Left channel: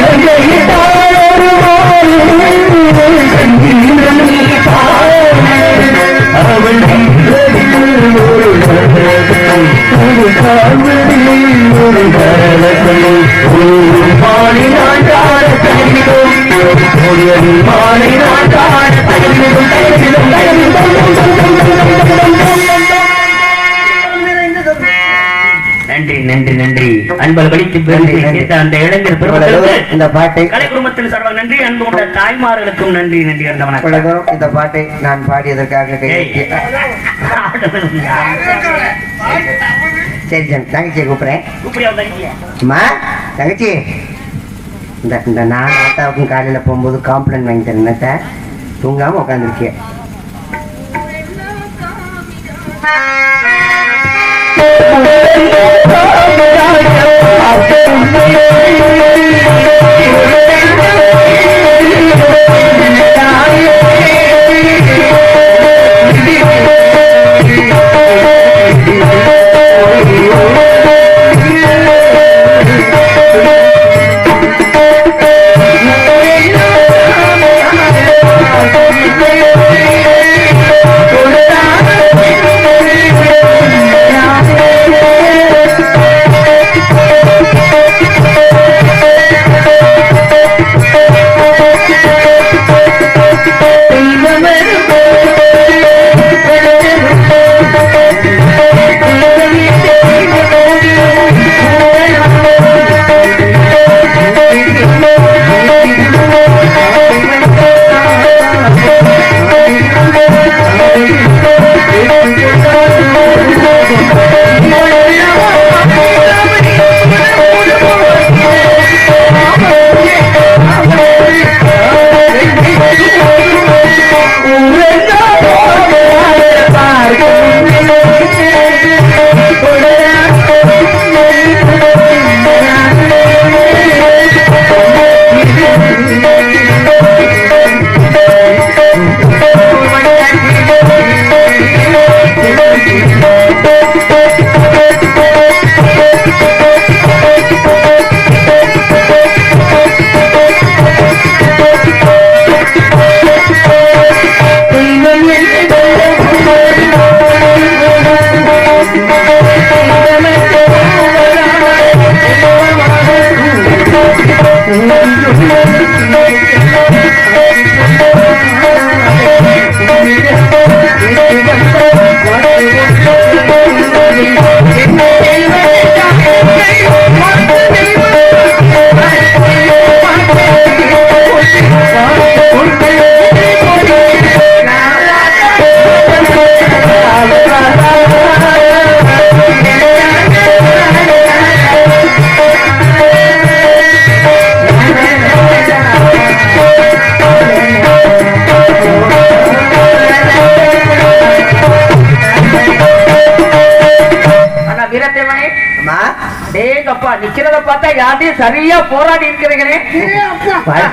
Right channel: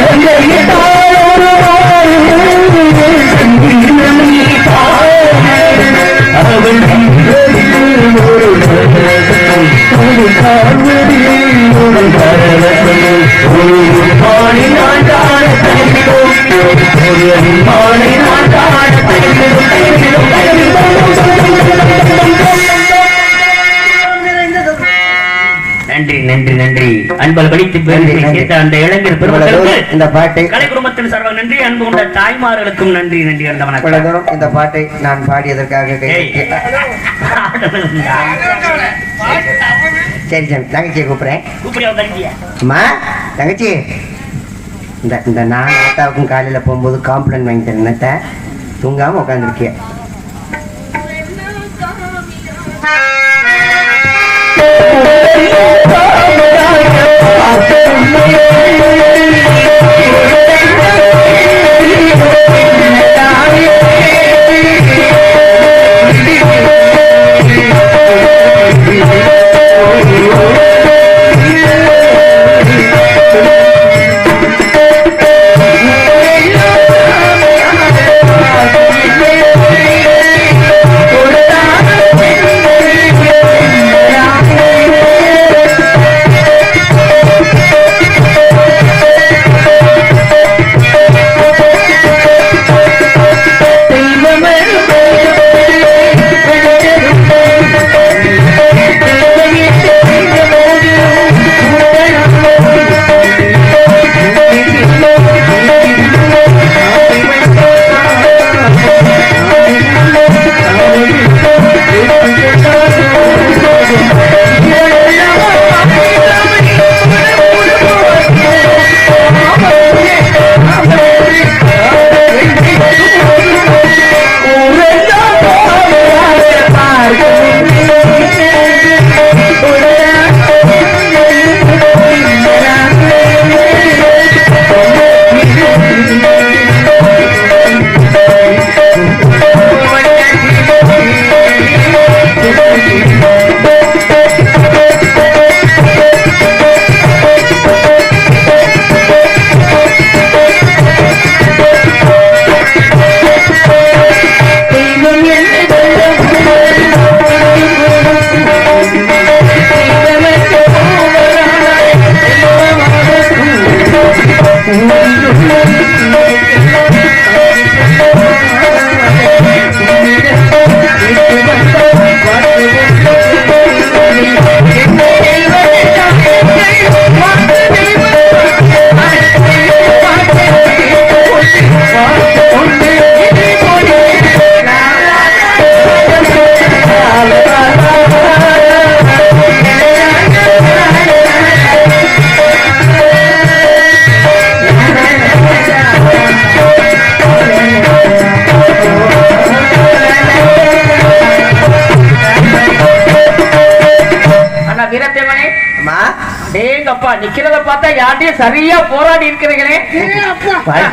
நன்றி சேர்த்த அந்த இளைஞர் பெருமக்களுக்கு இந்த பாட்டை கலை குடும்பத்தின் சார்பாக நன்றி அன்பு கொண்ட தாய்மார்களுக்கும் நன்றி நன்றி அந்த வணக்கம். இந்த பாட்டை நான் பாடியதற்காக. சரி சரி. தங்கச்சியை கூப்பிடுறேன். அம்மா தங்கச்சி. இந்த இந்த நான் நேத்தாவுக்கும் காலையில் போகும்போது காம்ப்ளைண்ட் வாங்கி தரேன். நேத்த தூங்காம உட்காந்துருக்கேன்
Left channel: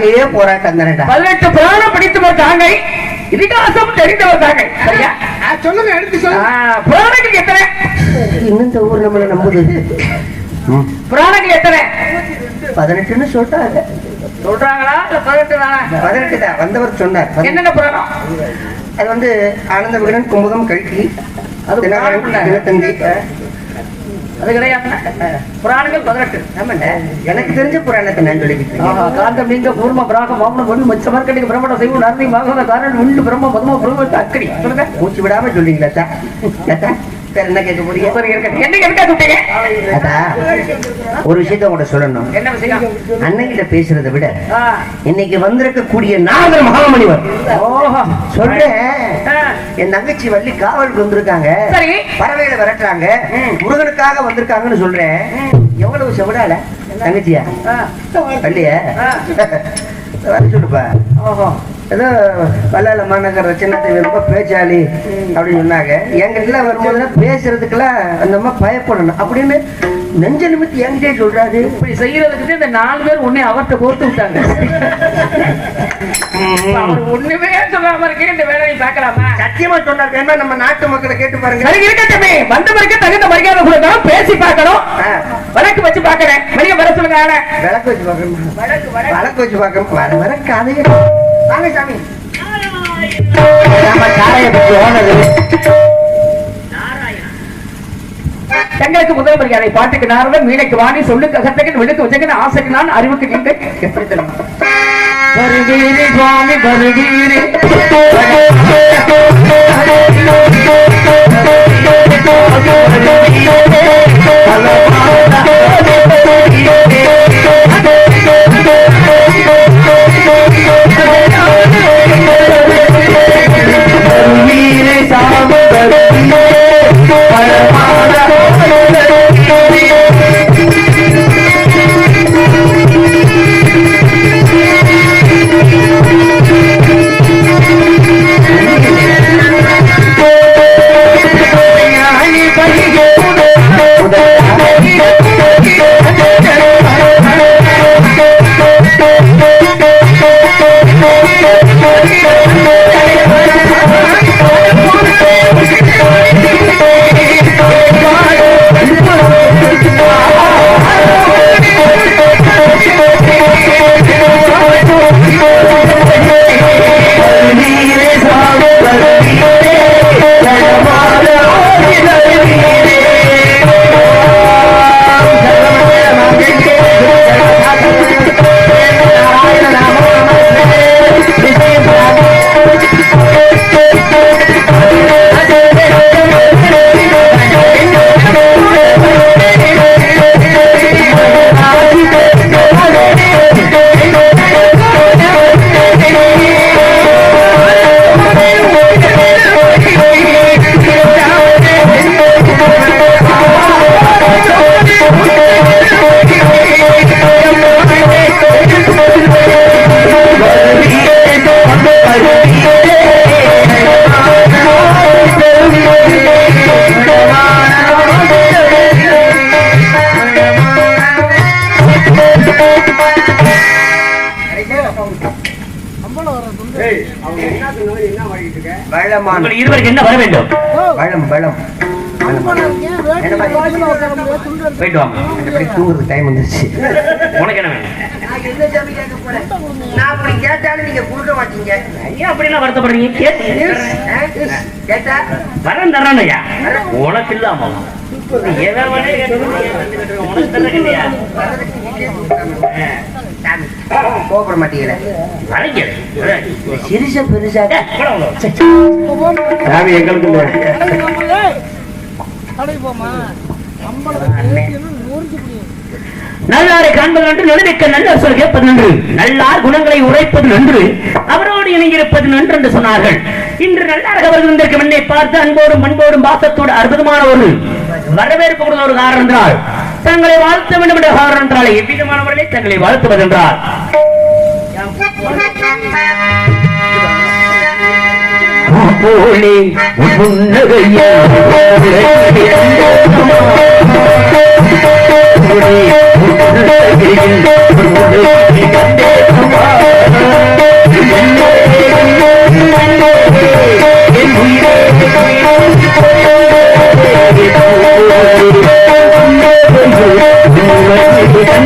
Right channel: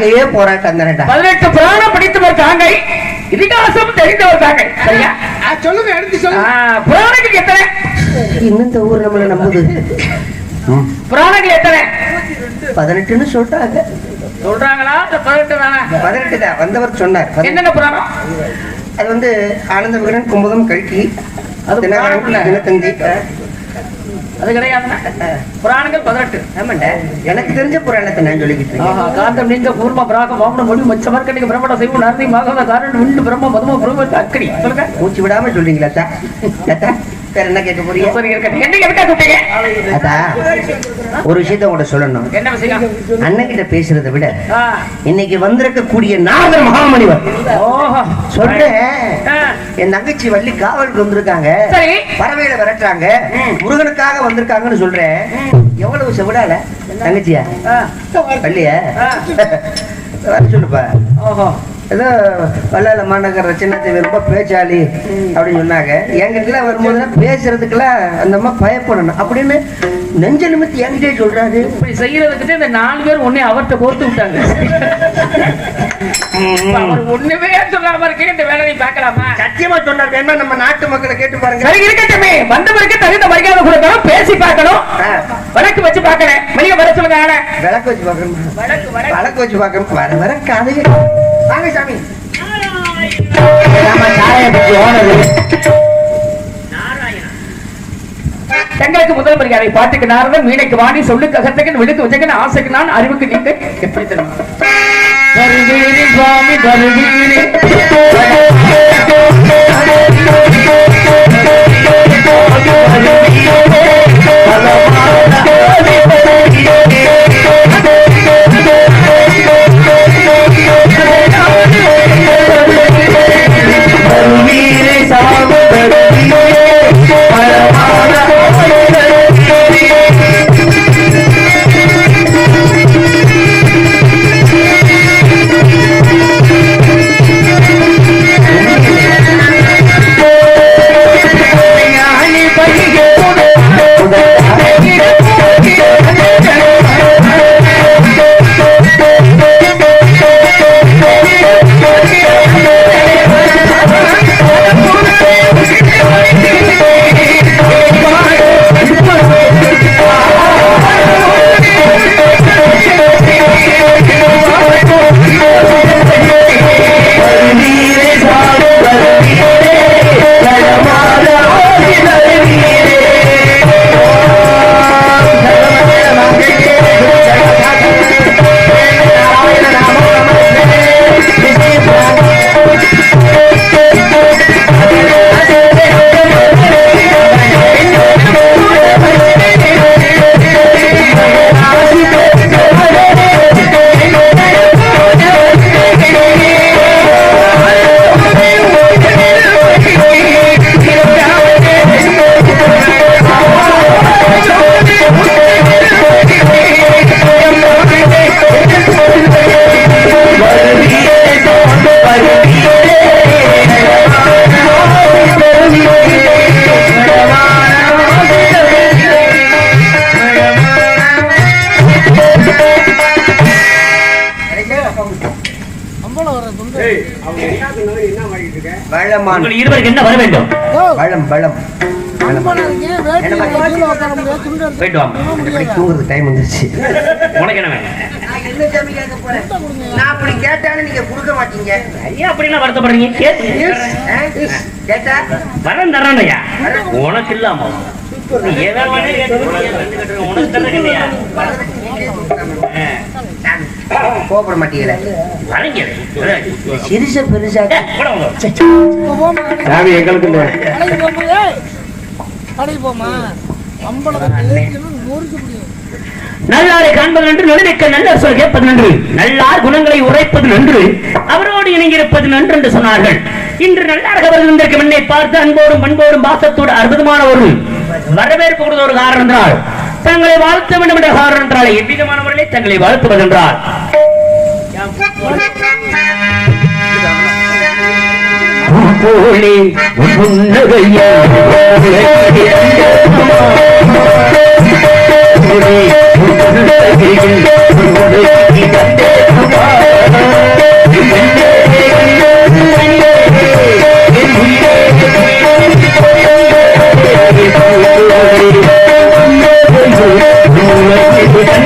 வாழ்க்கையே போராட்டம் தானேடா பதினெட்டு பிரயோகம் படித்தவர் தாங்கள் இதிகாசம் தெரிந்தவர் தாங்கள் சரியா? சொல்லுங்க எடுத்து சொல்லுங்க எத்தனை? இன்னும் இந்த ஊர் நம்மள நம்புது. ம், புராணத்துக்கு எத்தனை? பதினெட்டுன்னு சொல்லிட்டாங்க சொல்றாங்களா? பதினெட்டு பதினெட்டு தான் வந்தவர் சொன்னார். என்னென்ன புராணம்? அது வந்து ஆனந்த விகடன் குமுதம் கல்கி அது தினத்தந்தி அது கிடையாது புராணங்கள் பதினெட்டு. எனக்கு தெரிஞ்ச புராணத்தை நான் சொல்லிக்கிட்டு இருக்கேன். ஆஹா, காந்தம் நீங்க கூர்ம பிராக மௌன மொழி மச்ச மர்க்கடிக பிரமண செய்வம் நர்ணி மகவ காரணம் விண்டு பிரம்ம பதம பிரம்ம அக்கடி சொல்லுங்க. மூச்சு விடாம சொல்றீங்களா அத்தா? என்ன கேட்க போறீங்க? ஒரு விஷயத்த உங்கள்ட்ட சொல்லணும். அண்ணன் கிட்ட பேசுறதை விட இன்னைக்கு வந்திருக்கக்கூடிய மகாமுனிவர் ஓஹோ. சொல்றேன். என் தங்கச்சி வள்ளி காவலுக்கு வந்திருக்காங்க. பறவையில விரட்டுறாங்க. முருகனுக்காக வந்திருக்காங்கன்னு சொல்றேன். எவ்வளவு செவிடால? தங்கச்சியா? வள்ளிய? சொல்லுப்பா. ஓஹோ. ஏதோ வல்லால மாநகர் சின்னத்தை ரொம்ப பேச்சாளி அப்படின்னு சொன்னாங்க. எங்கிட்ட வரும்போதுலாம் பேசுறதுக்கெல்லாம் அந்த அம்மா பயப்படணும். அப்படின்னு நெஞ்ச நிமித்தி என்கிட்டே சொல்றாரு. இப்படி செய்யறதுக்கு இந்த நாலு பேர் உன்னை அவர்கிட்ட கோர்த்து விட்டாங்க. ஒண்ணுமே சொல்லாம இருக்கே இந்த வேலையை பார்க்கலாமா? சத்தியமா சொன்னார் வேணா நம்ம நாட்டு மக்களை கேட்டு பாருங்க. சரி இருக்கட்டுமே வந்தவருக்கு தகுந்த மரியாதை பேசி பார்க்கணும். வழக்கு வச்சு பார்க்கறேன். வெளியே வர சொல்லுங்க ஆளை. விளக்கு வச்சு பார்க்கணும். வழக்கு வழக்கு. வச்சு பார்க்கணும். வர வர கதைகள் வாங்க சாமி. தங்களுக்கு முதல் மரியாதை பாட்டுக்கு நாரதன் மீனைக்கு வாணி சொல்லுக்கு அகத்தகன் விடுக்கு உச்சகன் ஆசைக்கு நான் அறிவுக்கு நீங்க தருவீரி சுவாமி தருவீரி வளமான் உங்கள் இருவருக்கு என்ன வர வேண்டும்? வளம் வளம் போயிட்டு வாங்க. தூங்குறது டைம் வந்துருச்சு. உனக்கு என்ன வேணும்? நான் அப்படி கேட்டாலும் நீங்க கொடுக்க மாட்டீங்க. ஏன் அப்படிலாம் வருத்தப்படுறீங்க? கேட்டு கேட்டா? வரம் தரணையா உனக்கு இல்லாம உனக்கு கோபுர மாட்டீங்களே சிறுச பெருசா எங்களுக்கு நல்லாரை காண்பது என்று நடுவிக்க நல்ல சொல் கேட்பது நன்று நல்லார் குணங்களை உரைப்பது என்று அவரோடு இணங்கியிருப்பது நன்று என்று சொன்னார்கள். இன்று நல்லார் கவர்ந்திருக்கும் என்னை பார்த்து அன்போடும் பண்போடும் பாசத்தோடு அற்புதமான ஒரு வரவேற்பு கொடுத்த ஒரு காரணம் என்றால் தங்களை வாழ்த்த வேண்டும் என்ற காரணம் என்றால் எவ்விதமானவர்களை தங்களை வாழ்த்துவது என்றால் போலே சிறிய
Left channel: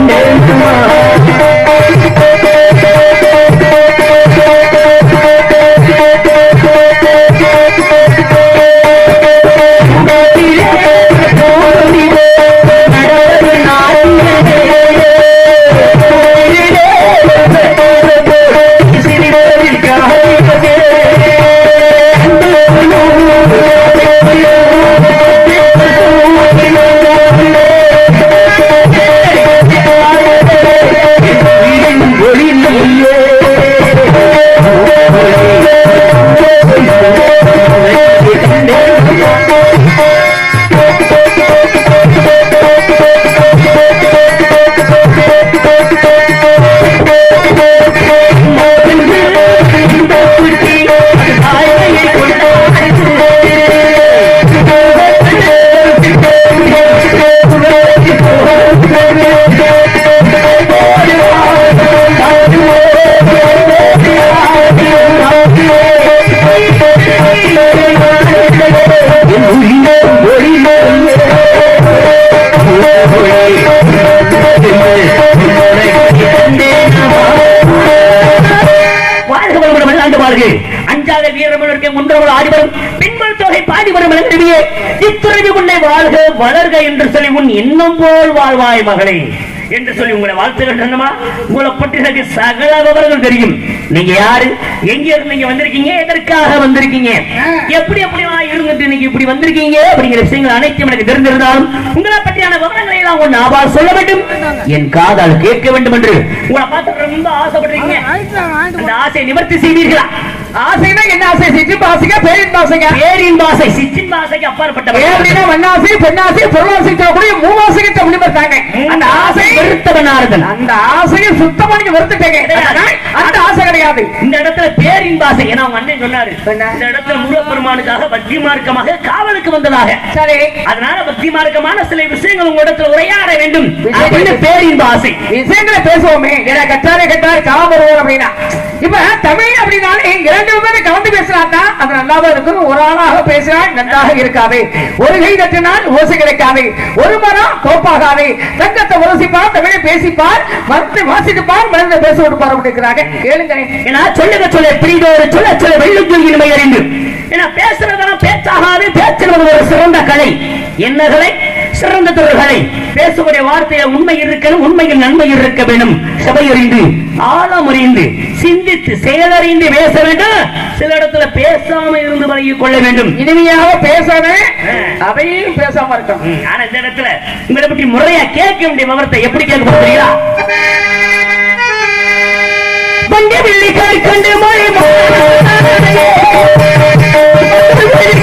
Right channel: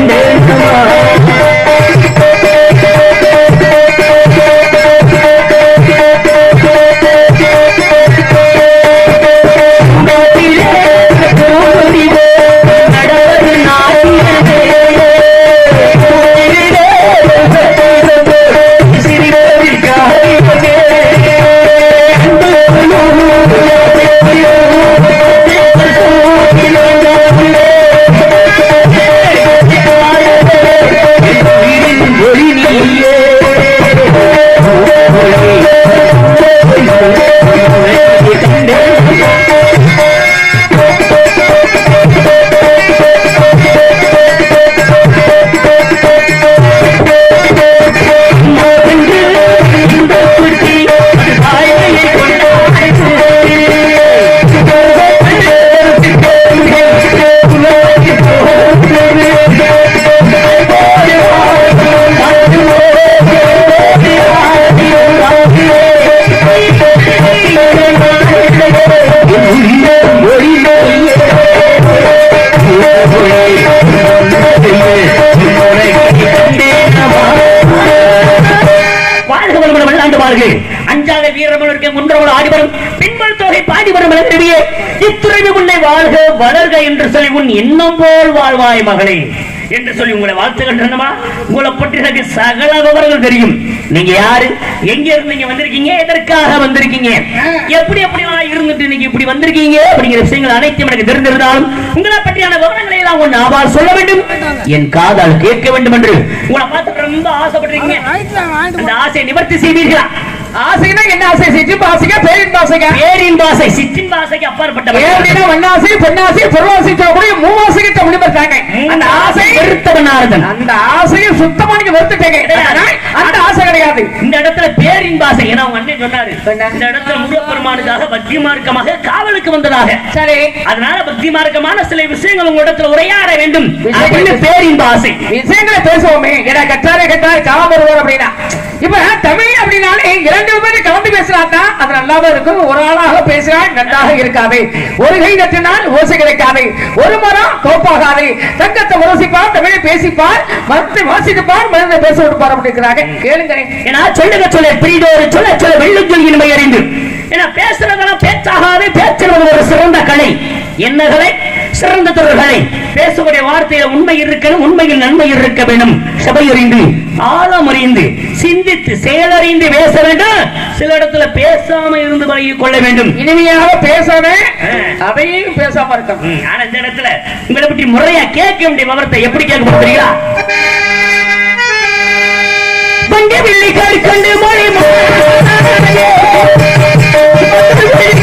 பெண்கள் தொகை பாடி வரும் மலர்வியே இத்துறைவு உன்னை வாழ்க வளர்க என்று சொல்லி உன் எண்ணம் போல் வாழ்வாய் மகளே என்று சொல்லி உங்களை வாழ்த்துகின்றனமா உங்களை பற்றி எனக்கு சகல விவரங்கள் தெரியும். நீங்க யாரு? எங்க இருந்து நீங்க வந்திருக்கீங்க? எதற்காக வந்திருக்கீங்க? எப்படி எப்படிலாம் இருந்துட்டு நீங்க இப்படி வந்திருக்கீங்க? அப்படிங்கிற விஷயங்கள் அனைத்தும் எனக்கு தெரிந்திருந்தாலும் உங்களை பற்றியான விவரங்களை எல்லாம் ஒன்று ஆபார் சொல்ல வேண்டும். என் காதால் கேட்க வேண்டும் என்று உங்களை பார்த்து ரொம்ப ஆசைப்படுறீங்க அந்த ஆசையை நிவர்த்தி செய்வீர்களா? ஆசைனா என்ன ஆசை? சித்தி ஆசைக்கா பேரின் ஆசைக்கா பேரின் பாசை சித்தின் அப்பாற்பட்ட பேரினா மண்ணாசை பெண்ணாசை பொருளாசை சொல்லக்கூடிய மூணு ஆசைக்கு தமிழ் பார்த்தாங்க அந்த ஆசை வெறுத்தவனார்கள். அந்த ஆசையை சுத்தமா நீங்க வெறுத்துட்டீங்க அந்த ஆசை கிடையாது. இந்த இடத்துல பேரின் பாசை ஏன்னா அண்ணன் சொன்னாரு. இந்த இடத்துல முருகப்பெருமானுக்காக பக்தி மார்க்கமாக காவலுக்கு வந்ததாக. சரி. அதனால பக்தி மார்க்கமான சில விஷயங்கள் உங்க இடத்துல உரையாட வேண்டும். அப்படின்னு பேரின் பாசை. விஷயங்களை பேசுவோமே. ஏன்னா கட்டார கட்டார காலம் வருவோம் அப்படின்னா. இப்ப தமிழ் அப்படின்னாலே இரண்டு கலந்து பேசினாக்கா அது நல்லாவே இருக்கும். ஒரு ஆளாக பேசினால் நன்றாக இருக்காது. ஒரு கை தட்டினால் ஓசை கிடைக்காது. ஒரு மரம் தோப்பாகாது தங்கத்தை உரசிப்பார் தமிழை பேசிப்பார் மரத்தை வாசித்துப்பார் மனித பேச விடுப்பார் அப்படிங்கிறாங்க கேளுங்க ஏன்னா சொல்லுங்க சொல்ல புரிதோடு சொல்ல சொல்ல வெள்ளிக்கல்வி நிலை அறிந்து. ஏன்னா பேசுறதெல்லாம் பேச்சாகவே பேச்சுறது ஒரு சிறந்த கலை. என்ன கலை சிறந்த தொழில்களை பேசுகிற வார்த்தையில உண்மை இருக்கணும் உண்மையில் நன்மை இருக்க வேண்டும். சபையறிந்து ஆழம் அறிந்து சிந்தித்து செயலறிந்து பேச வேண்டும். சில இடத்துல பேசாம இருந்து பழகிக் கொள்ள வேண்டும். இனிமையாக பேசணும் அதையும் பேசாம இருக்கணும். ஆனா இந்த இடத்துல உங்களை பற்றி முறையா கேட்க வேண்டிய விவரத்தை எப்படி கேட்க போறீங்க? தங்க வெள்ளி கோரி கொண்டு ஒரு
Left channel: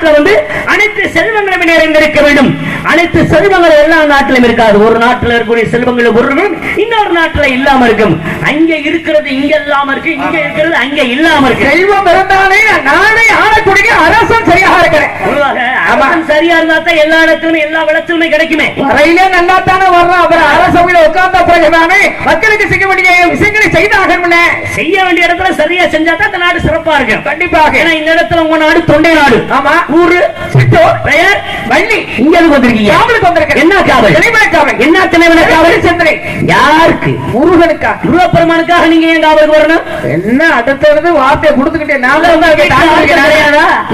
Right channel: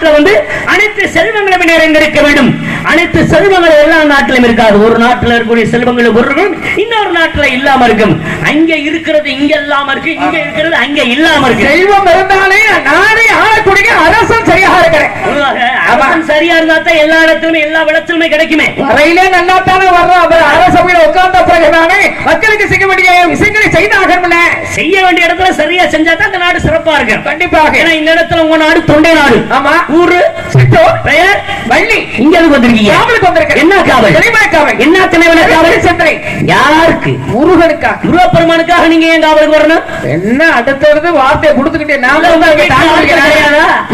நாட்டுல வந்து அனைத்து செல்வங்களும் நிறைந்திருக்க வேண்டும். அனைத்து செல்வங்கள் எல்லா நாட்டிலும் இருக்காது. ஒரு நாட்டுல இருக்கக்கூடிய செல்வங்கள் ஒரு இன்னொரு நாட்டுல இல்லாம இருக்கும். அங்க இருக்கிறது இங்க இல்லாம இருக்கு இங்க இருக்கிறது அங்க இல்லாம இருக்கு. செல்வம் இருந்தாலே நானே ஆளக்கூடிய அரசன் சரியாக இருக்கிறேன் சரியா இருந்தா தான் எல்லா இடத்துலயுமே எல்லா விளத்திலுமே கிடைக்குமே. வரையிலே நல்லா தானே வர்றோம் அப்புறம் அரசவையில் உட்கார்ந்த பிறகுதானே மக்களுக்கு செய்ய வேண்டிய விஷயங்களை செய்தாகணும்னே செய்ய வேண்டிய இடத்துல சரியா செஞ்சா தான் இந்த நாடு சிறப்பா இருக்கு கண்டிப்பாக. ஏன்னா இந்த இடத்துல உங்க நாடு தொண்டை நாடு. ஆமா. ஊரு பெயர் வள்ளி இங்க வந்து வந்திருக்கீங்க என்ன காவல் காவல் என்ன தலைவன காவல் காவல் சிந்தனை யாருக்கு? முருகனுக்கா? முருகப்பெருமானுக்காக நீங்க ஏன் காவல் போடணும்? என்ன அடுத்தது வார்த்தையை கொடுத்துக்கிட்டே நாங்க?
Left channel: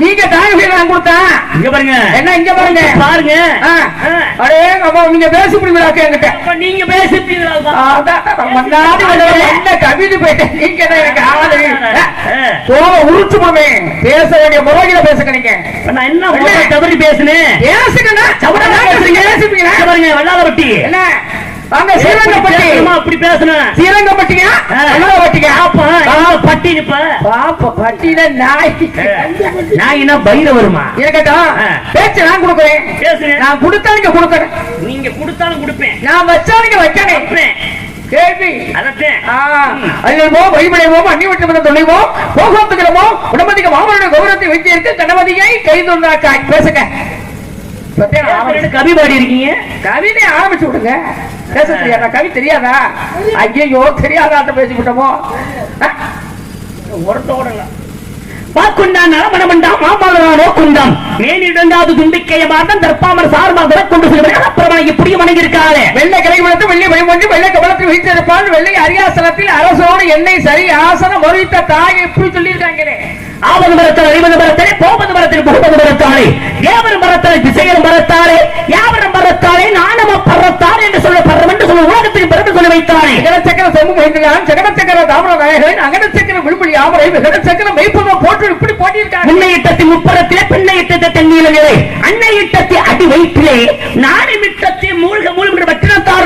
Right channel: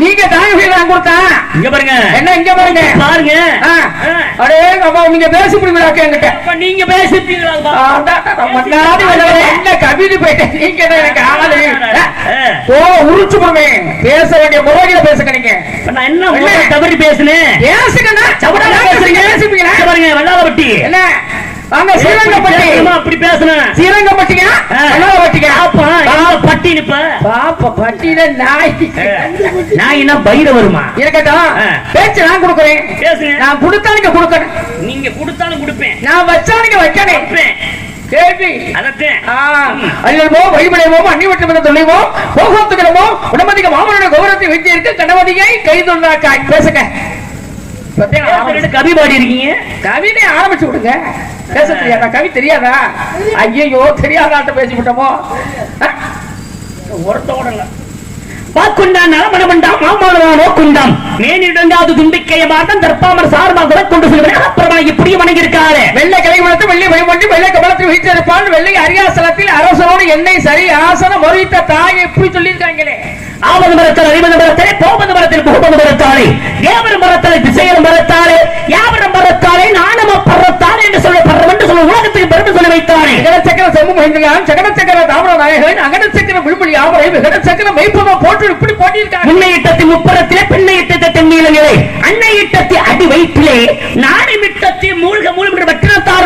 நீங்க வாங்கி கொடுத்தா? இங்க பாருங்க. என்ன இங்க பாருங்க? பாருங்க. அடே நீங்க பேசிப்பீங்களா? அப்ப நீங்க பேசிட்டீங்களா என்ன கவிதை போயிட்டேன் நீங்க எனக்கு ஆளு. உரிச்சு போமே பேச வேண்டிய முறைகளை பேசுங்க நீங்க. என்ன தவறி பேசுனேன்? பேசுங்க வல்லாரப்பட்டி என்ன? வாங்க ஸ்ரீரங்கப்பட்டி அம்மா இப்படி பேசுனேன் ஸ்ரீரங்கப்பட்டிங்க என்ன பட்டிங்க? அப்ப பட்டி நிப்ப? பாப்ப பட்டியில நாய். என்ன பயிர வருமா? இருக்கட்டும். பேச்சு நான் கொடுக்குறேன். பேசுங்க நான் கொடுத்தாங்க கொடுக்குறேன் நீங்க கொடுத்தாலும் கொடுப்பேன். நான் வச்சாங்க வைக்கிறேன் போகத்துக்கிறமோ உடம்பதிக மாமனோட கௌரவத்தை வைத்திருக்கு கணவதியை கைதொந்தாக்காய் பேசுங்க. கவி பாடி இருக்கீங்க கவிதை ஆரம்பிச்சு விடுங்க. பேச தெரியாதா? கவி தெரியாதா? ஐயோ தெரியாதாட்ட பேசிவிட்டோமோ? ஒருத்தோட வாக்குண்டான் நலமணமண்டாம் மாமாளவனோ குண்டான் மேனிடங்காது தும்பிக்கைய மாட்டம் தற்பாமர் சார்பாக கொண்டு சொல்றேன் இப்படி வணங்கியிருக்காரு வெள்ளை கலை வளர்த்து வெள்ளி பயன்படுத்தி வெள்ளை கவலத்தில் வீட்டிருப்பான் வெள்ளை அரியாசனத்தில் அரசனோடு எண்ணெய் சரி ஆசனம் வருவித்த தாயை இப்படி சொல்லியிருக்காங்களே. ஆவது மரத்தால் ஐவது மரத்தாலே போவது மரத்தில் புகுவது மரத்தாலே தேவரும் மரத்தாலே திசையரும் மரத்தாலே யாவரும் மரத்தாலே நானும் அப்பறத்தாலே என்று சொல்லப்படுறோம் என்று சர்வ உலகத்தில் பிறப்பு செல்ல சக்கர மகிழ்ந்தான் சகட சக்கர தாமர நாயகன் அகட சக்கர விழுமொழி ஆமரை விகட சக்கர மெய்ப்பம போட்டு இப்படி போட்டியிருக்காங்க முன்னை இட்டத்தி முப்பலத்திலே பின்னை இட்டத்தை தென்னிலே அன்னை இட்டத்தி அடி வைப்பிலே நாளை விட்டத்தி மூழ்க மூழ்கிற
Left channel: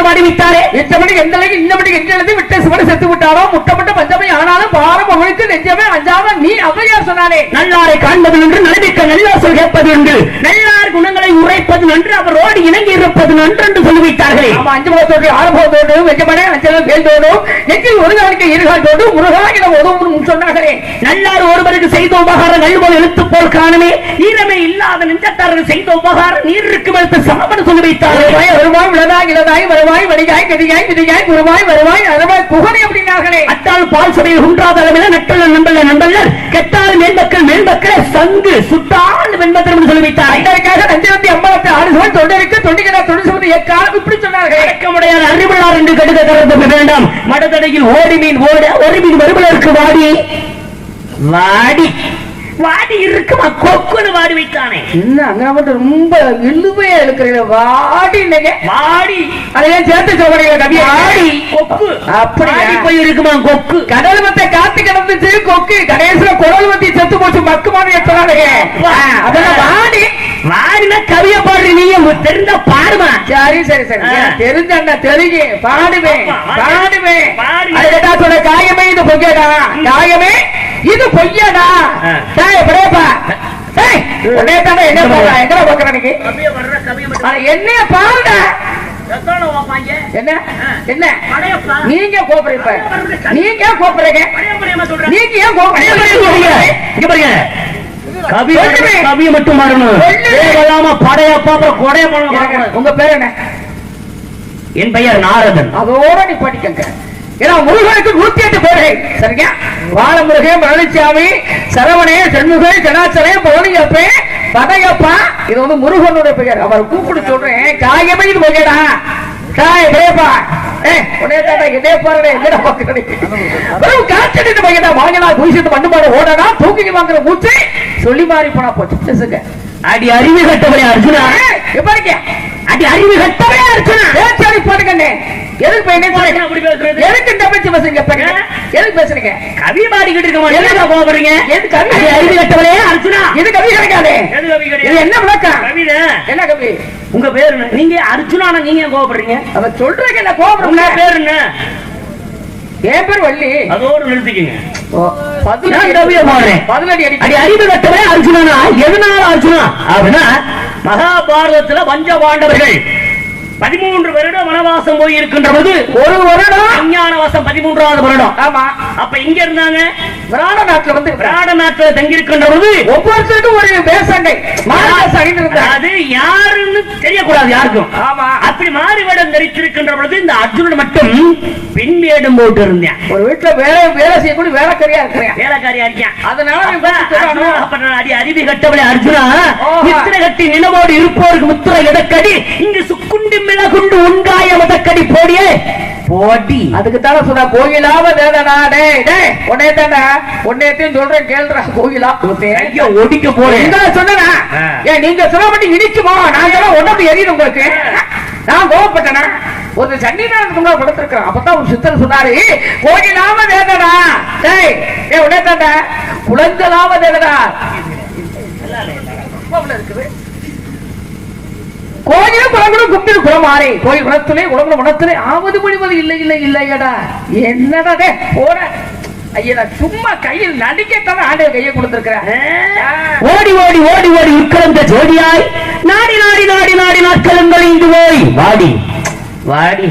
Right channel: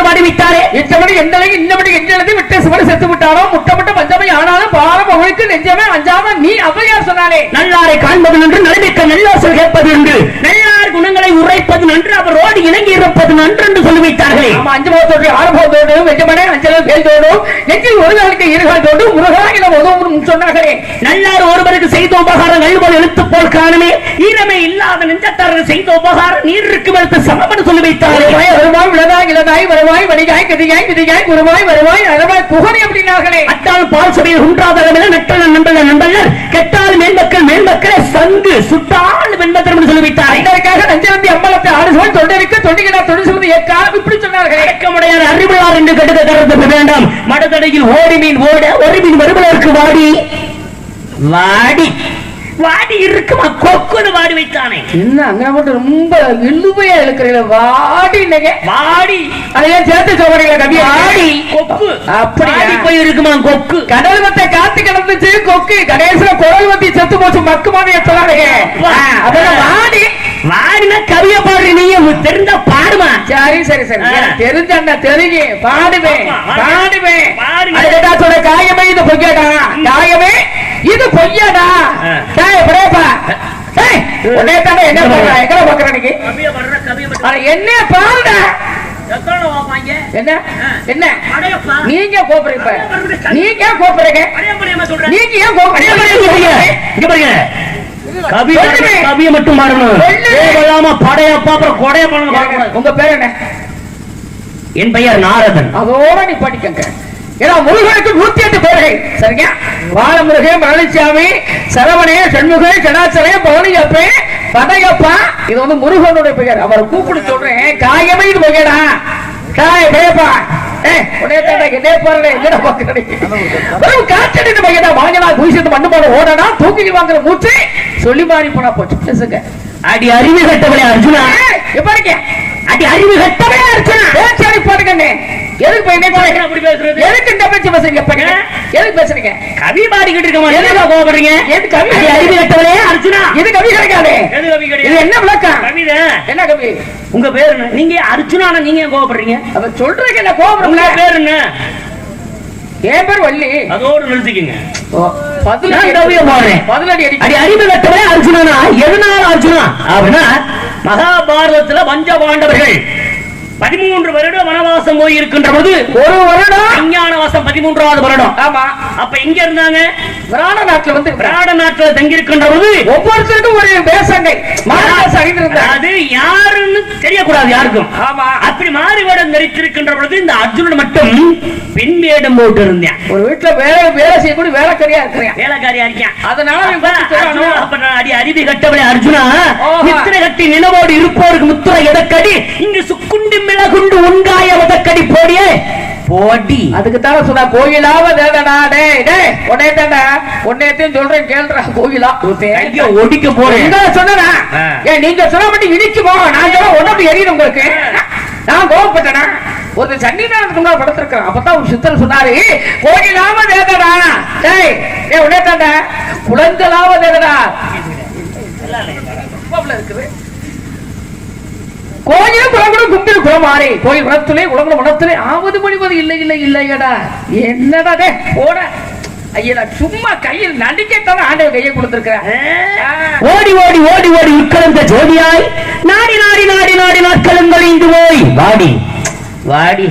வெற்றினத்தாறு அறிவித்தாரே இத்தபடி எந்த அளவுக்கு இந்தபடி எந்த அளவுக்கு விட்ட சுவடு செத்து விட்டாரோ முட்டப்பட்ட பஞ்சமை ஆனாலும் பாரம் அவனுக்கு நெஞ்சமே அஞ்சாம நீ அவையார் சொன்னாலே. நல்லாரை காண்பது என்று நலமிக்க நல்லாசல் கேட்பது என்று. நல்லார் குணங்களை உரைப்பது என்று அவரோடு இணங்கி இருப்பது நன்று என்று சொல்லி வைத்தார்களே நம்ம அஞ்சு போத்தோடு ஆறு போத்தோடு வெட்டு மணி அஞ்சல் பேர்தோடு நெற்றில் ஒரு காலுக்கு இருகால் தோடு முருகாயில உதவும் சொன்னார்களே. நல்லார் ஒருவருக்கு செய்த உபகாரம் நல்வல் எழுத்து போல் காணலே. ஈரமே இல்லாத நெஞ்சத்தாரர் செய்த உபகாரம் நீருக்கு வைத்து சமபடு சொல்லி வைத்தார்களே வருவாய் இளதாய் இளதாய் வருவாய் வடிகாய் கதிகாய் விதிகாய் குருவாய் வருவாய் அளவாய் புகழை அப்படின்னார்களே. அத்தால் பால் சபையில் உண்டாதவர்களே நட்டையன் நண்டையன் நண்டையர் கெட்டால் மேம்பக்கள் மேம்பக்கள் சங்கு சுட்டால் வெண்டத்தில் என்று சொல்லி வைத்தார்கள் இதற்காக நஞ்சலத்தி அம்பலத்தை ஆடுகள் தொண்டருக்கு தொண்டிகளை தொண்டு சொல்வது ஏற்காலம் இப்படி சொன்னார்களே. இயக்கமுடையார் அறிவுளார் என்று கடுக திறப்பது வேண்டாம் மடதடையில் ஓடி மீன் ஓட ஒரு மீன் வருபவருக்கு வாடி. வாடி. வாடி இருக்குமா கொக்குன்னு வாடி வைத்தானே என்ன அங்க மட்டும் ரொம்ப இழுவையா இருக்கிறீங்க வாடி இன்னைக்கு வாடி. அதையும் சேர்த்து சொல்றீங்க கவி? வாடி கொக்கு. அப்படி வாடி போய் இருக்குமா கொக்கு? கடல் வத்தை காத்து கிடந்துச்சு கொக்கு. கடைசியில குரல் வத்தி செத்து போச்சு மக்குமான சொல்லுங்க அதெல்லாம் வாடி. வாடின கவிய பாடு உங்களுக்கு தெரிஞ்ச பாடுமா? சரி சரி சரி. தெரிஞ்ச தெரியுங்க. பாடுங்க. சொல்ற காயமே இது பொய்யடா காயமே இது பொய்யடா. டேய் பிரேப்பா டேய் உடனே தானே என்ன எங்க போற அட, என்ன பாருடா என்ன? என்ன? நீங்க கோபுறீங்க நீங்க கோபுறீங்க நீங்க ஏன் கோபுறீங்க கவிய மட்டும் மாறணும். தேவையாம படையப்பா அப்புறம் கொடைய பண்ண உங்க பேர் என்ன? என் பெயர் நாரதன். அதோட நீ படிக்கங்க. ஏன்னா முருகனுக்கு நூத்தி எட்டு பேர்கள். சரிங்க? பாலமுருகன் பழனிசாமி சரவணே சண்முகே ஜனாசரே பழனியப்பே படையப்பா இது வந்து முருகனுடைய பெயர். அவர் கூப்பிட்டு சொல்றேன். காயமே போகடா காய பேப்பா இதே தூக்கி சொல்லி மாறி போனா போச்சு. பேசுங்க. அடி அறிவு கட்டவளே அர்ஜுனா. எப்படி அடி அறிவு கட்டவளே அர்ஜுனா. பேச்சாடி பாட்டுக்கண்ணே. எதுக்கு என்ன அப்படி பேசுறது? எதுக்கு இந்த பேச்சு பேசுறீங்க? எதுக்கு பேசுறீங்க? கவி பாடிக்கிட்டு இருக்க மாட்டேங்க. கோபப்படுறீங்க எது கவி கட்டவளே. அர்ஜுனா. இது கவி கேட்காதே எது கவி இது கிடையாது என்ன விளக்கம்? கவிதை. என்ன கவி? உங்க பேர்? நீங்க அர்ஜுனான நீங்க கோபப்படுறீங்க அவன் சொல்றதுக்கு என்ன கோபம் உங்க பேர் என்ன? என் பேர் வள்ளி. அதோடு நிறுத்திக்கங்க. எதனால அர்ஜுனா? அப்படின்னா மகாபாரதத்துல பஞ்ச பாண்டவர்கள். பதிமூன்று வருடம் வனவாசம் போய் இருக்கின்ற போது ஒரு வருடம் விஞ்ஞான வாசம் பதிமூன்றாவது வருடம். ஆமா. அப்ப எங்க இருந்தாங்க? விராட நாட்டுல வந்து விராட நாட்டில் தங்கி இருக்கின்ற போது ஒவ்வொருத்தருக்கும் ஒரு இருந்தாங்க அது யாருன்னு தெரியக்கூடாது யாருக்கும். ஆமா. அப்படி மாறு வேடம் தரித்திருக்கின்ற பொழுது இந்த அர்ஜுனன் மட்டும் பின் வேடம் போட்டு இருந்தேன். ஒரு வீட்டுல வேலை வேலை செய்யக்கூடிய வேலைக்காரியா இருக்கிறேன். வேலைக்காரியா இருக்கேன். அதனால அப்ப நான் அடி அறிவி கட்டவளே அர்ஜுனா. முத்திரை கட்டி நிலவோடு இருப்போருக்கு முத்திரை எதக்கடி இங்கு சுக்குண்டு மிளகுண்டு உண்டாய எதக்கடி போடியே போடி அதுக்கு தானே சொன்னா கோயிலாவ தேடனா டேய் டேய் உடனே தானே உன்னையத்தையும் சொல்றேன் கேள்றா கோயிலா ஐயோ ஒடிக்க போறேன் என்ன சொன்னா ஆ. ஏ நீங்க சிரமப்பட்டு இடிச்சு போவோம் நான் சொல்ல உடம்பு எரியும் உங்களுக்கு நான் கோவப்பட்டேனா ஒரு சன்னிதானத்துக்கு முன்னாடி படுத்திருக்கிறேன் அப்பதான் ஒரு சித்தர் சொன்னாரு கோயிலாம தேடடா டேய் ஏ உடனே தாண்டா குழந்தலாம தேடடா கோயில் போகணும் கும்பிடு போமாறி கோயில் குணத்திலே உலக குணத்திலே ஆவது மொழிவது இல்லை இல்லை இல்லையடா. என்னடா போட. ஐயா சும்மா கையில் நடிக்கத்தானே ஆண்டவர் கையை கொடுத்திருக்கிறேன். ஓடி ஓடி ஓடி ஓடி உட்கலந்த ஜோடியாய் நாடி நாடி நாடி நாடி நாட்களும் கழிந்து போய். வாடி. வாடி.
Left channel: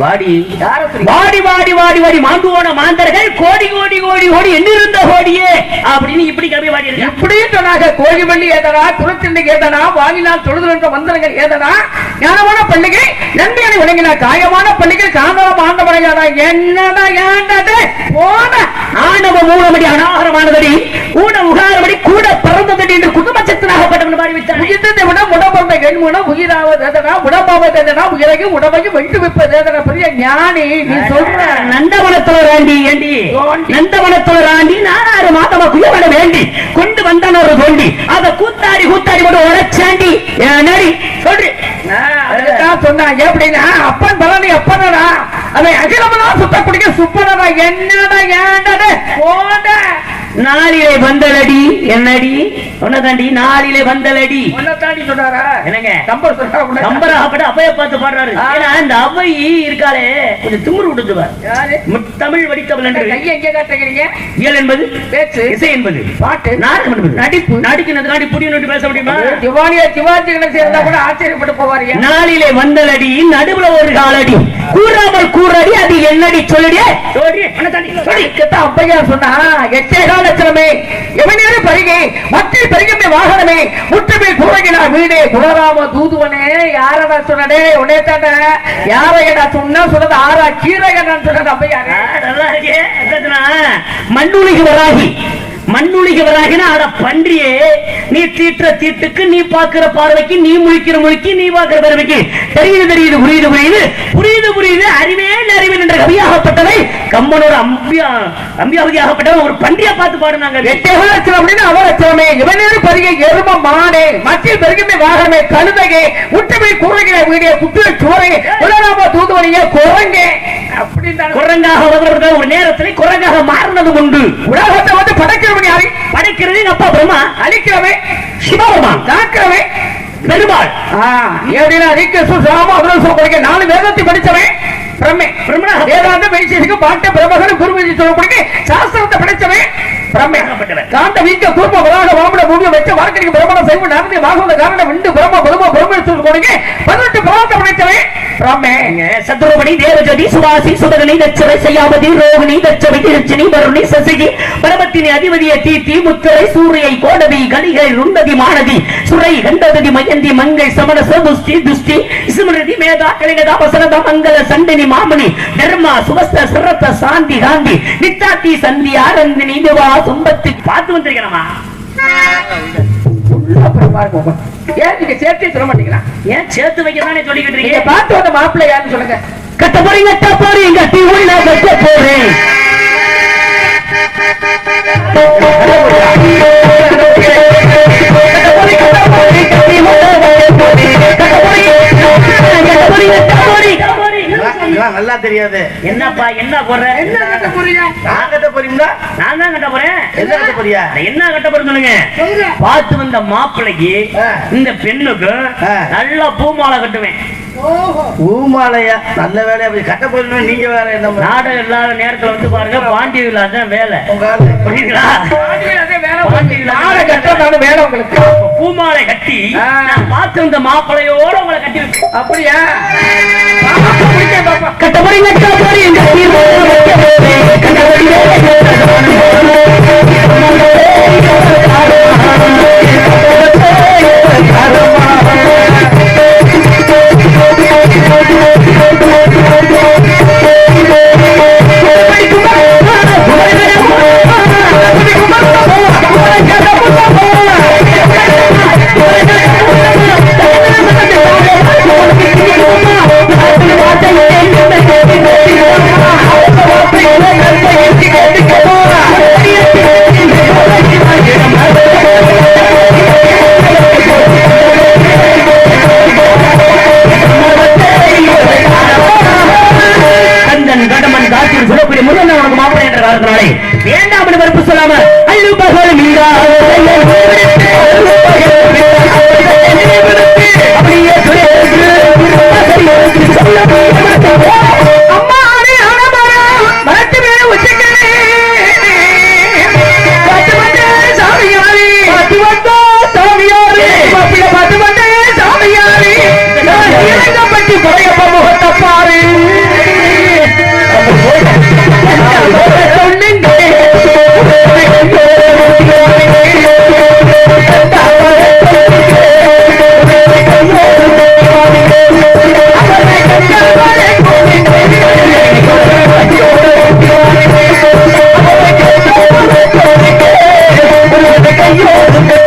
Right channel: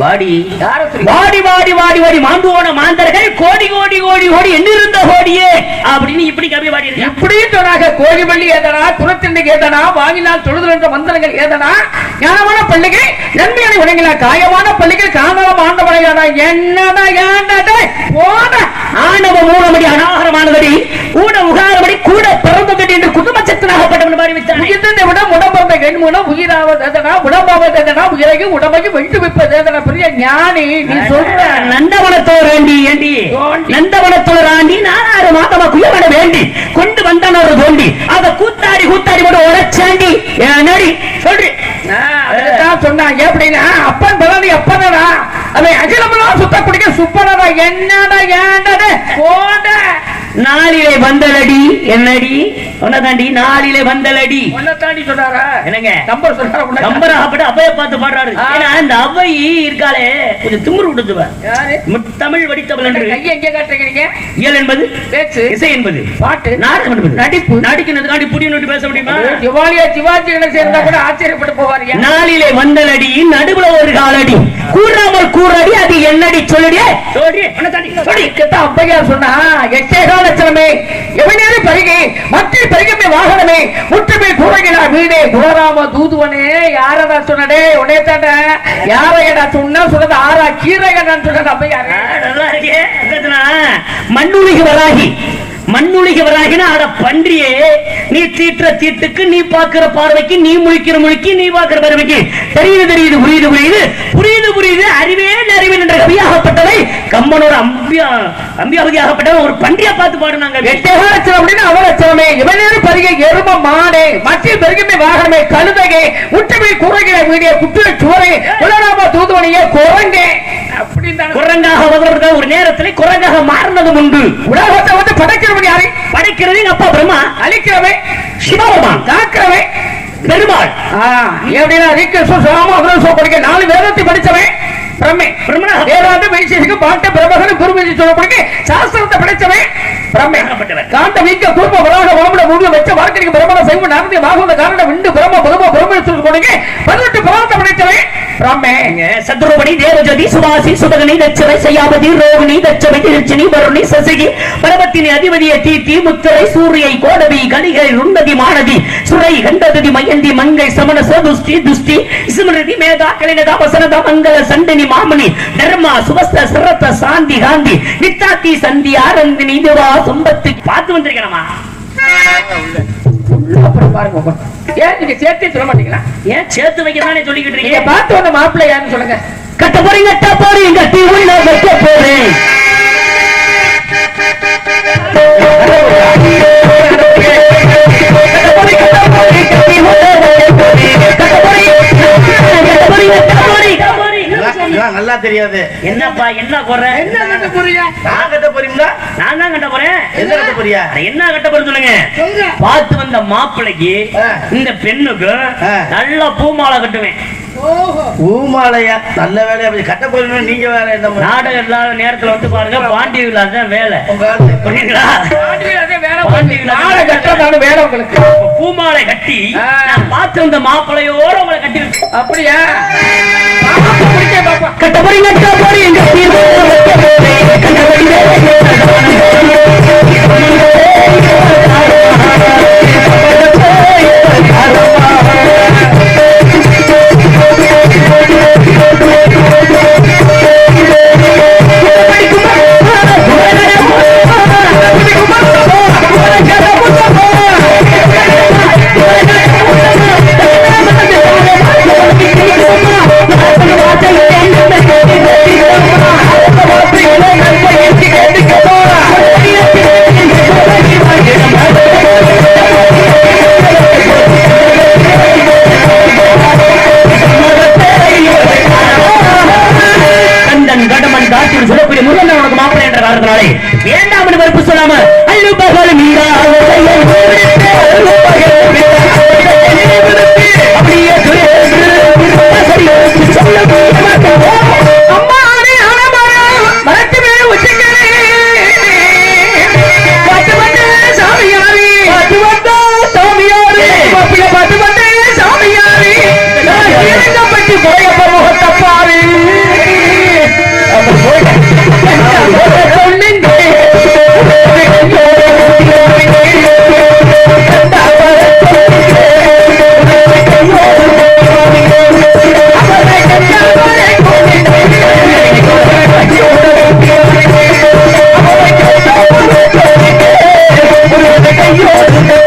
வாடி. வாடி வாடி வாடி மாந்தர்கள் கோடி கோடி கோடி கோடி எண்ணிருந்த கோடியே. அப்படின்னு இப்படி கவி வாடி இருக்கேன் இப்படியே சொன்னாங்க. கோழி வெள்ளி ஏதனா குலத்திண்டு ஏதனா வாங்கினால் தொழுதுகின்ற மந்திரங்கள் ஏதனா ஞானமான பள்ளிகை நன்மையான விளங்கினா காயமான பள்ளிகள் காணாம ஆண்டவர்களா என்னடா ஏண்டா போட ஆணவ மூலமடி அனாகரமானபடி கூட உகாரபடி கூட பிறந்தபடி என்று குடும்பச்சத்தினாக படம் அறிவித்தானே இதை விட எண்முன வெட்டு வைப்பது எதனா பெரிய ஞானி. நீ சொல்ற நந்தவனத்தவர் ஆண்டி ஏண்டி? நந்தவனத்தவர் ஆண்டி நாலாயிரம் மாதவ குயவன வேண்டி. கொண்டு தோண்டி. அத கூத்தாடி கூத்தாடி மட்டும் உழைச்சாண்டி என்னடி சொல்றி. சொன்னாங்க அப்படின்னு அப்பன் பலனி அப்பனடா. அவன் அகிலமா சுத்தக்கூடிய சுப்பனடா. என்னடா ஏண்டடா போட. நாளிலே வந்தலடி. என்னடி? உனதாண்டி நாளிலே வந்தலடி. தாண்டி சொன்னாரா? என்னங்க? நம்பர் சொன்னாரா கம்பராகப்பட அவைய பார்த்து பாடுறாரு. ஏன்னா இந்த அவை இருக்காளே கொஞ்சம் திமிரு விட்டுதுவா யாரு? முத்தமிழ் வடித்தவள் என்று. கையை எங்க காட்டுறீங்க? இயல் என்பது? பேச்சு. இசை என்பது? பாட்டு. நாடகம் என்பது? நடிப்பு. நடிக்கிறதுக்காண்டி புடி நோட்டி பேச முடியுமா? சிவாலியா சிவாஜி கூட ஆச்சரியப்பட்டு போவாரு. நாளிலே வந்தலடி நடுவுல ஒரு காலடி. கூறாமல் கூறடி அது என்னடி சொல்லடி? அப்பையார் சொன்னா எட்டேகா லட்சணமே எவனேனும் பெருகை மக்கள் பெருகின்ற வாகனமே. முற்றுகை கூறுகிறார் வீடே குலராம தூதுவனே. யாரடா சொன்னடே உன்னே தாண்டா. யாரையடா சொன்ன சொன்னது ஆறா கீரைகடான்னு சொன்னது அப்பையாரு மண்ணுலிக வராகி மண்ணுலிக அட பன்றியே நீ தீட்டுற தீட்டுக்கு நீ பாக்குற பார்வைக்கு நீ முழிக்கிற முழிக்கு நீ பாக்குற பார்வைக்கு தெரியுது தெரியுது புரியுது புரியுது. புரியுது புரியுது அறிவே அறிவில் என்ற கவியாகப்பட்டவை கம்மனோட அம்பியா அம்பியாவதியாகப்பட்டவன் ஒரு பன்றியை பார்த்து பாடுனாங்க. எட்டேகா லட்சணம் அப்படின்னு அவ இவனே இவனேனும் பெருகை எரும மாடே மத்திய பெருகின்ற வாகனமே கழுதகை முற்றுகை கூறுகிறார் வீடே குட்டிய சோரை குலராம தூதுவனையே குரங்கே. குரங்காக வருவதற்கு ஒரு நேரத்தில் குரங்காக மாறினதும் உண்டு உலகத்தை வந்து படைக்கிறவங்க யாரு? படைக்கிறது அப்பா பிரம்மா. அழிக்கிறவே சிவபெருமான். தாக்கிறவே பெருமாள். ஏடியோ ரீக்கிருஷ்ணன் சொல்லாம அவ்வளவு சொல்ல படிக்க. நாலு வேதத்தை படிச்சவன் பிரம்மே. பிரம்மனாக வேதாந்த வெளிச்சேஷுக்கு பாட்டு பிரபகன் குருமதி சொல்லப்படுங்க சாஸ்திரத்தை படிச்சவன் காந்த வீக்க வாமட மூணு வச்ச வாழ்க்கைக்கு பிரமண சைவ நடந்து வாகுந்த காரண விண்டு பிரம பிரம பிரம சொல்லி கொடுங்க பதினெட்டு பிரார்த்த படித்தவன். பிரம்மே சத்ருபடி தேவஜதி சுராசி சுடகனி தச்சரை செய்யாமதி ரோகிணி தச்சரி திருச்சினி வருணி சசிகி பரமத்தினி அதிபதிய தீட்டி முத்திரை சூரியை கோடவி கணிகை நுண்ணதி மானதி சுரை கண்டதி மயந்தி மங்கை சமண சோபுஷ்டி துஷ்டி சுமனதி மேதா கலினதா வசனதா மங்கள சண்டினி மாமணி தர்மா சுவஸ்த சிரத்த சாந்தி காந்தி நித்தாத்தி சந்தி ஆனந்தினி துரா சும்பத்தி பார்த்து வந்திருக்கணுமா? ஏன் நீங்க சேர்த்து சொல்ல மாட்டீங்களா? ஏன் சேர்த்து வைக்கதானே சொல்லிக்கிட்டு நீங்க இருக்கீங்க? பார்த்து வந்த மாப்பிள்ளை யாருன்னு சொல்லுங்க. கட்ட போறீ கட்ட போறேன் இதெல்லாம் நல்லா தெரியாது. என்னப்பா என்ன போற என்ன கட்ட போறீங்க நான் கட்ட போறீங்களா? நான் தான் கட்ட போறேன். எந்த கட்ட போறியா? என்ன கட்ட போறேன் சொல்லுங்க. பார்த்து வந்த மாப்பிள்ளைக்கு. இந்த பெண்ணுக்கு. நல்லா பூமாலை கட்டுவேன். நல்ல கட்ட போறீங்க நீங்க வேலை என்ன நாடகம் இல்லாத நேரத்துல வந்து பாருங்க பாண்டி விழா தான் வேலை. வேலை வேலை. உங்களுக்கு. பூமாலை கட்டி பார்த்து வந்த மாப்பிள்ளையோட உங்களை கட்டி அப்படியா? கட்ட போறீங்க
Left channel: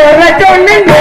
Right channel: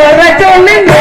வர சொன்னீங்க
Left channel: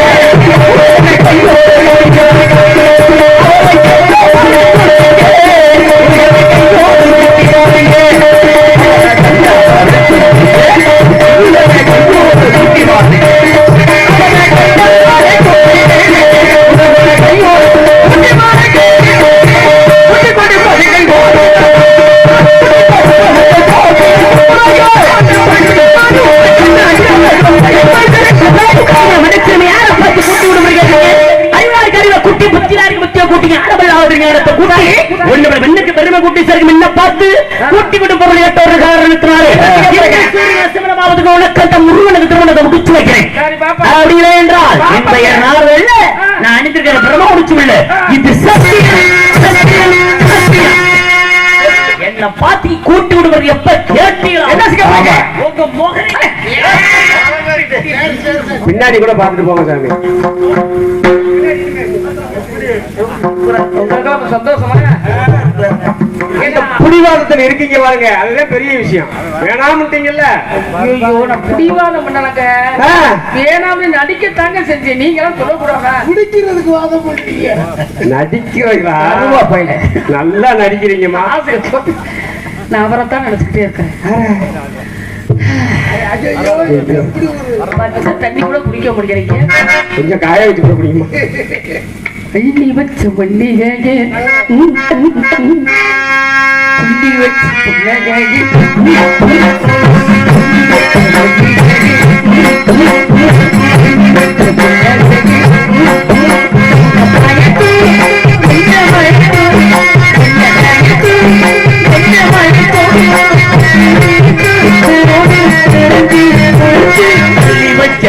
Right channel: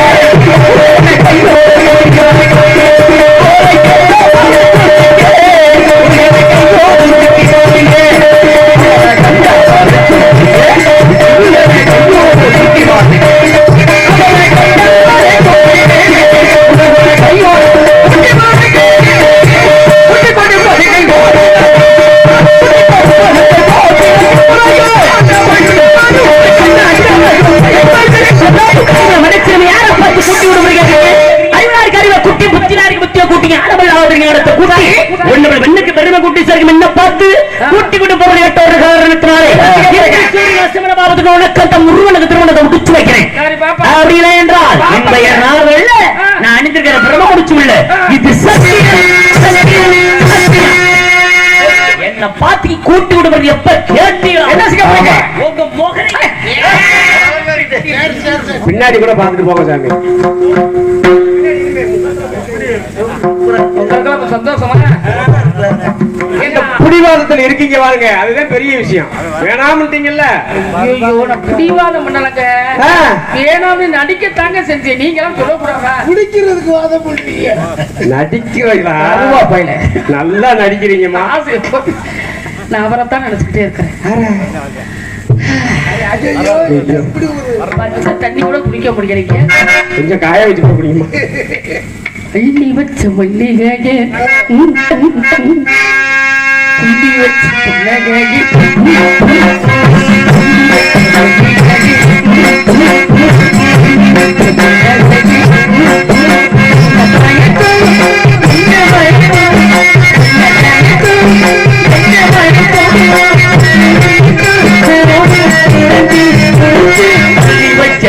குட்டி புத்திராரி புத்திய குட்டி ஆடமையாவதிஞானத்தை குட்டி. என்னுடைய வெண்ணுக்கு பெருமை குட்டி சேர்க்கும் என்ன பார்த்து குட்டி விட்டு பொருள் சூரிய அஸ்தமனமாவதுக்கு உனக்கு அந்த உருவனுக்கு திருமணத்தை முடிச்சு வைக்கிறேன். அப்படி இல்லை என்றால் இந்த நாவல்ல நான் அணிந்திருக்கிற பிரம்ம முடிச்சும் இல்ல இது சத்தியம். என்ன பாத்தி கூட்டி விடுவது எப்ப கேட்டீங்க என்ன செய்ய உங்க பின்னாடி கூட பார்த்துட்டு போங்க சந்தோஷமா இந்த புடிவாதத்துல இருக்கீங்க பாருங்க அதுதான் பெரிய விஷயம். வேணாம்ட்டீங்கல்ல பிடிவாதம் பண்ணலங்க. வேணாம்னு நடிக்கத்தாங்க செஞ்சேன் நீங்க எல்லாம் சொல்லக்கூடாதா? குடிக்கிறதுக்கு வாதம் பண்ணுறீங்க நடிக்கிறீங்களா நல்லா நடிக்கிறீங்கம்மா. நான் அவரை தான் நினைச்சுக்கிட்டே இருக்கிறேன். தண்ணி கூட குடிக்க முடியலைங்க கொஞ்சம் காய வச்சு முடியுமா வச்ச மல்லிகையே. துள்ளி வச்ச புன்னகையே. வச்ச மல்லிகையே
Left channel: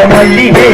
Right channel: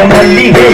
మల్లిగే